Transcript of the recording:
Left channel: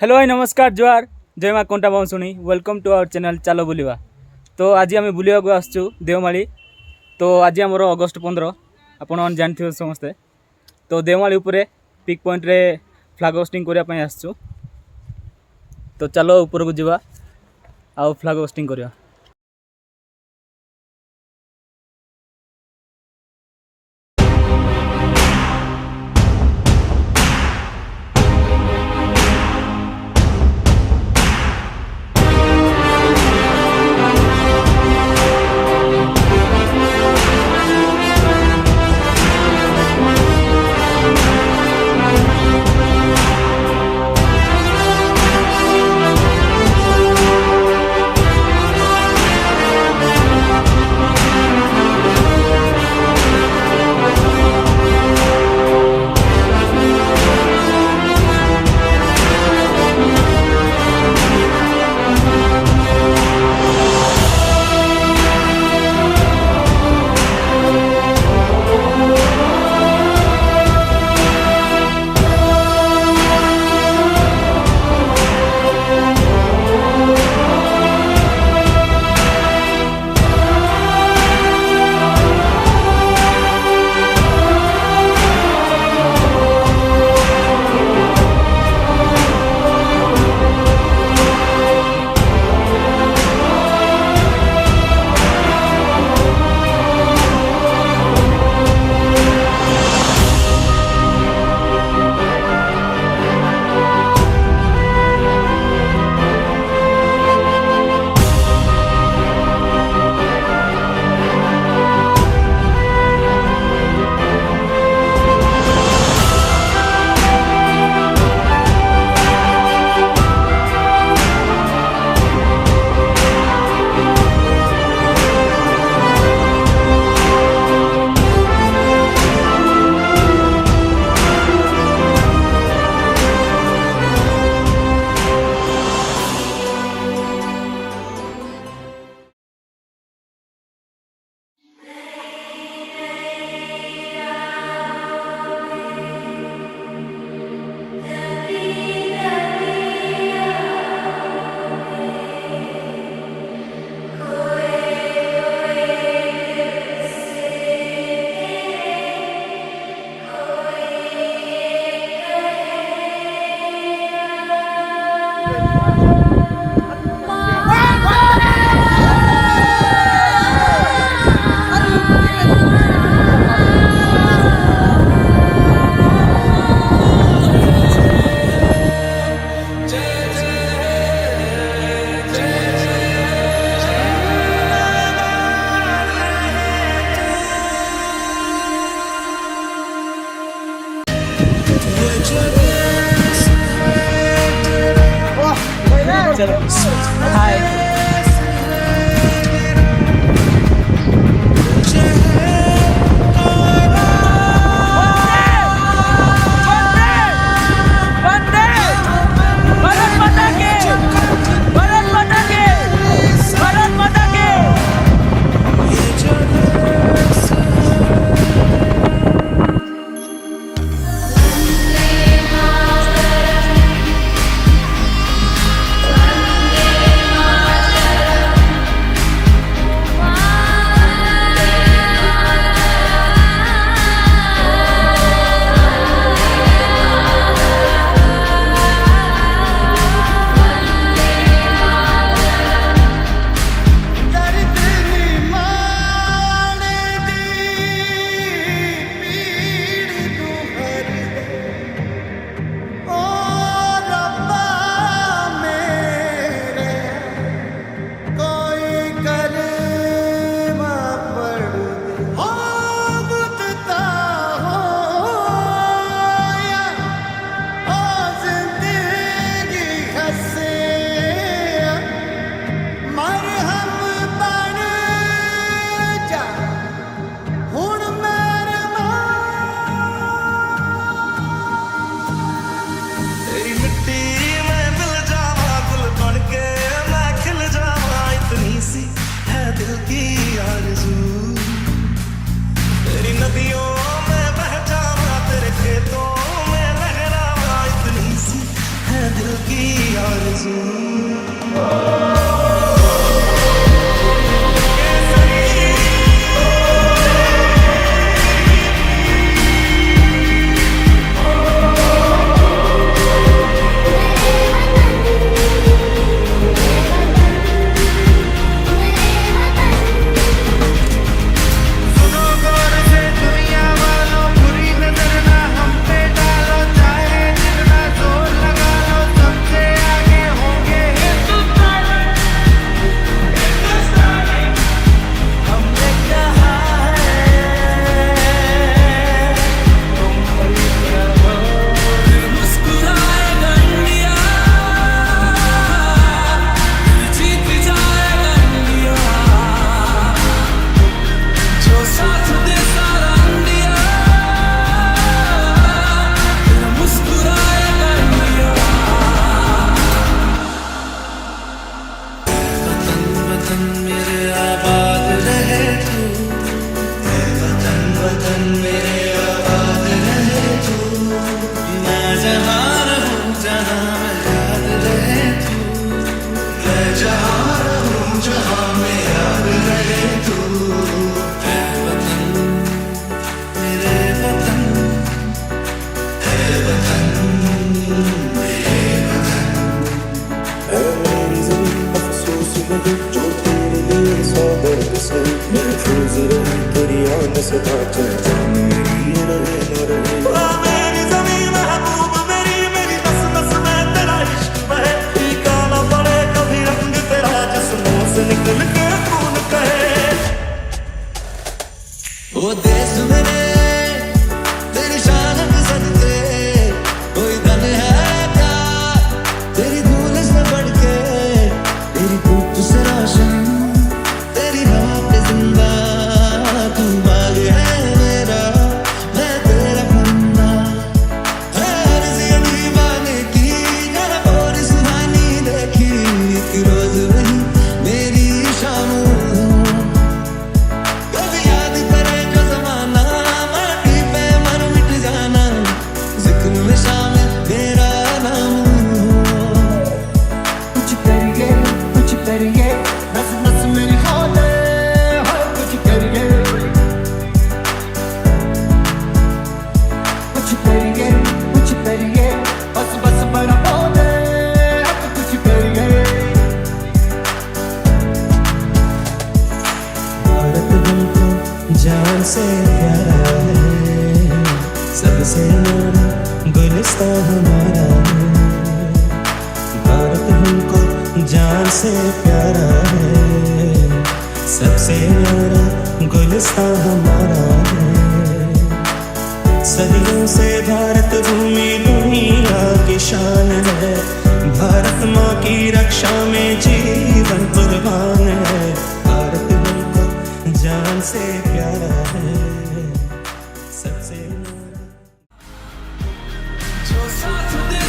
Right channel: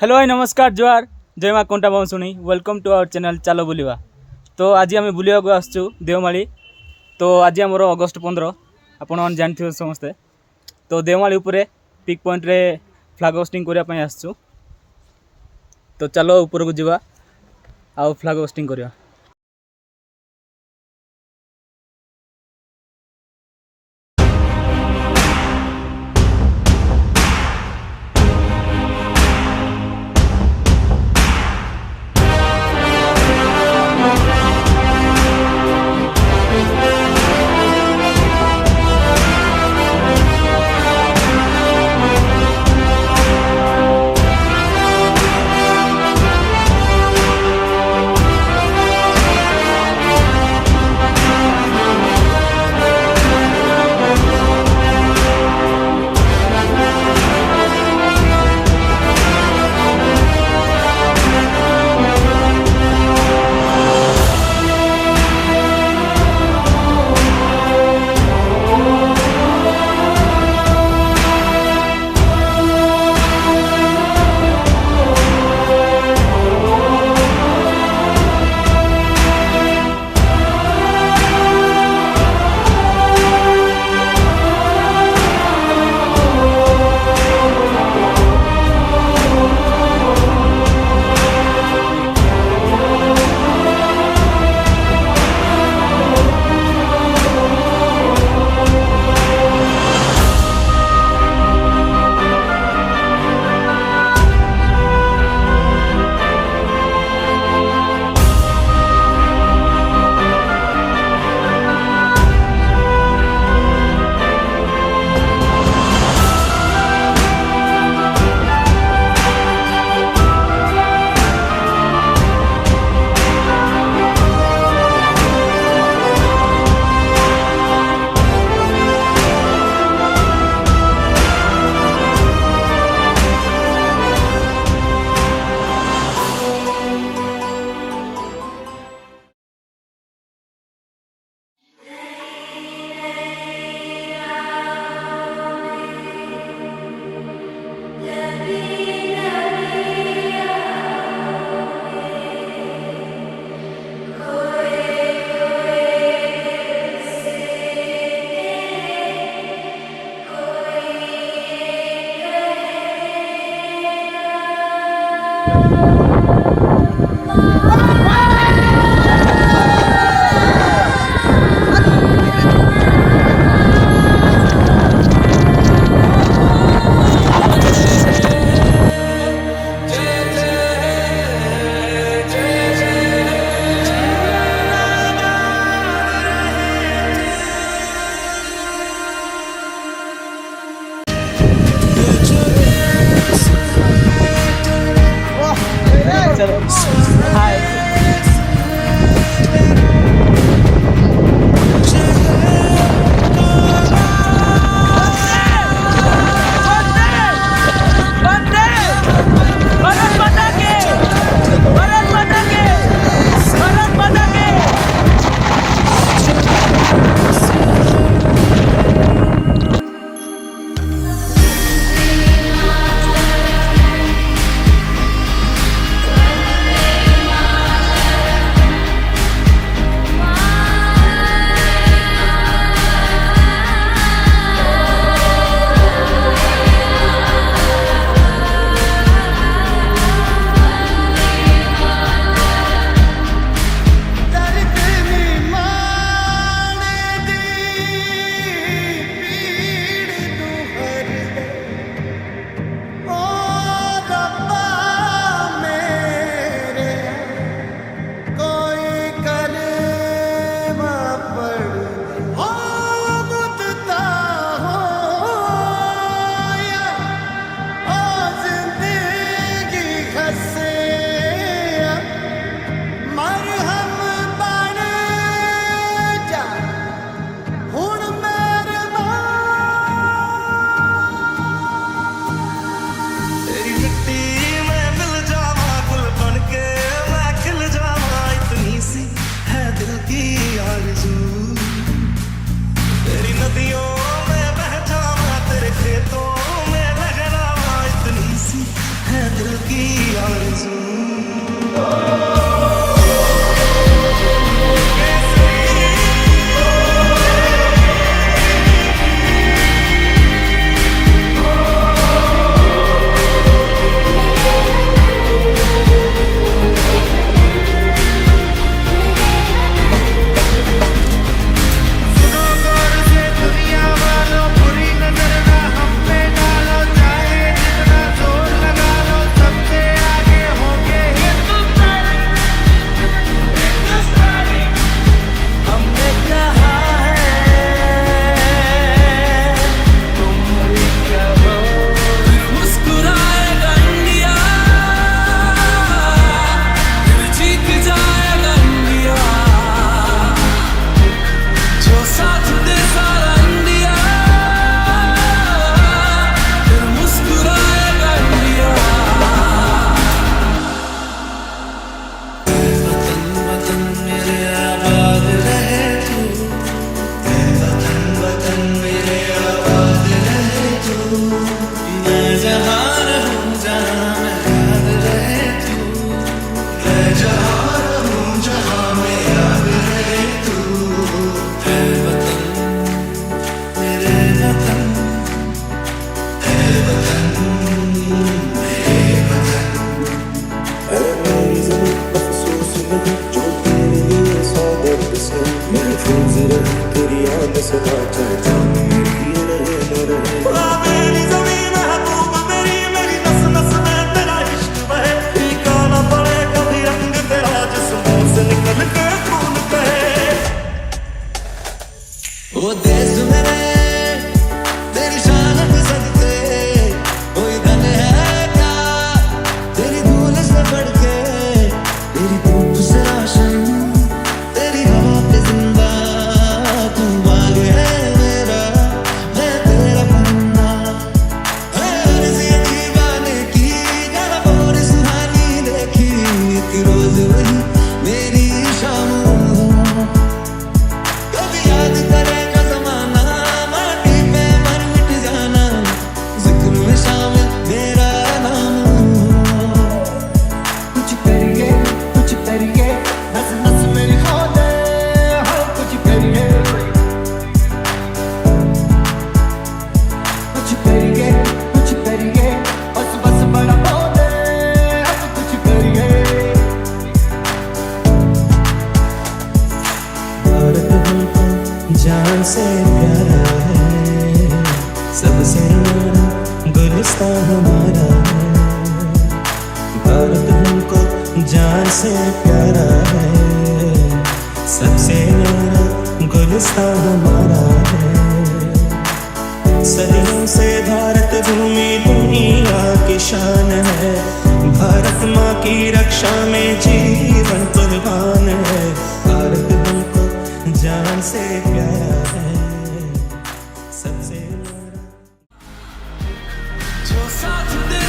Hello भाई नमस्कार जुआर जय माँ कंटा बाउंसुणी वेलकम टू आवर चैनल चलो बुलिवा। तो आज आम बुलिया को आसचु देवमाली। तो आज आमर अगस्ट 15 आपण मैंने जानते समस्ते। तो देवमाली उपरे पिक पॉइंट रे फ्लैग होस्टिंग करने आसचु। तो चलो ऊपर को जावा आउ फ्लैग होस्टिंग करिया। हाय दिल की आरज़ू सुनो गौर से दुनिया वालों, बुरी नजर ना हम पे डालो, चाहे जितना जोर लगा लो, सबसे आगे होंगे हिंदुस्तानी। हमने कहा है तुम भी कहो, फिर मुस्कुराएगा इंडिया, फिर जीत जाएगा इंडिया, जो साथ दे सारा इंडिया, फिर मुस्कुराएगा इंडिया। वतन वतन मेरे आबाद रहे तू, ऐ वतन वतन मेरे आबाद रहे तू, मैं जहाँ रहूं जहाँ मैं याद रहे तू, मैं जहाँ रहूं जहाँ में याद रहे तू। ऐ वतन मेरे वतन, ऐ वतन मेरे वतन, ऐ मेरी ज़मीं अफसोस नहीं जो तेरे लिए सौ दर्द से महफूज रहे, तेरी आन सदा चाहे जान मेरी ये रहे न रहे। मेरी ज़मीं महबूब मेरी, मेरी नस नस में तेरा इश्क बहे, फीका ना पड़े कभी रंग तेरा जिस्मों से निकल के खून कहे। ओ देश मेरे तेरी शान में सदके, कोई धन है क्या तेरी धूल से बढ़ के, तेरी धूप से रोशन, तेरी हवा पे जिंदा, तू बाग है मेरा, मैं तेरा परिंदा, है अर्ज़ ये दीवाने की, जहाँ बोरी सुहानी देखी, एक रोज वही मेरी शाम हो। कभी याद करे जो ज़माना, माटी पे मर मिट जाना, जिक्र में शामिल मेरा नाम हो। कुछ करिए नस नस मेरी खो दे, हर कुछ करिए बस बस बड़ा खो दे, अब कुछ करिए। भारत हमको जान से प्यारा है, सबसे न्यारा गुलिस्तां हमारा है। भारत हमको जान से प्यारा है, सबसे न्यारा गुलिस्तां हमारा है। सदियों से भारत भूमि दुनिया की शान है, भारत माँ की रक्षा में जीवन कुर्बान है। भारत हमको जान से प्यारा है, सबसे न्यारा। जो साथ दे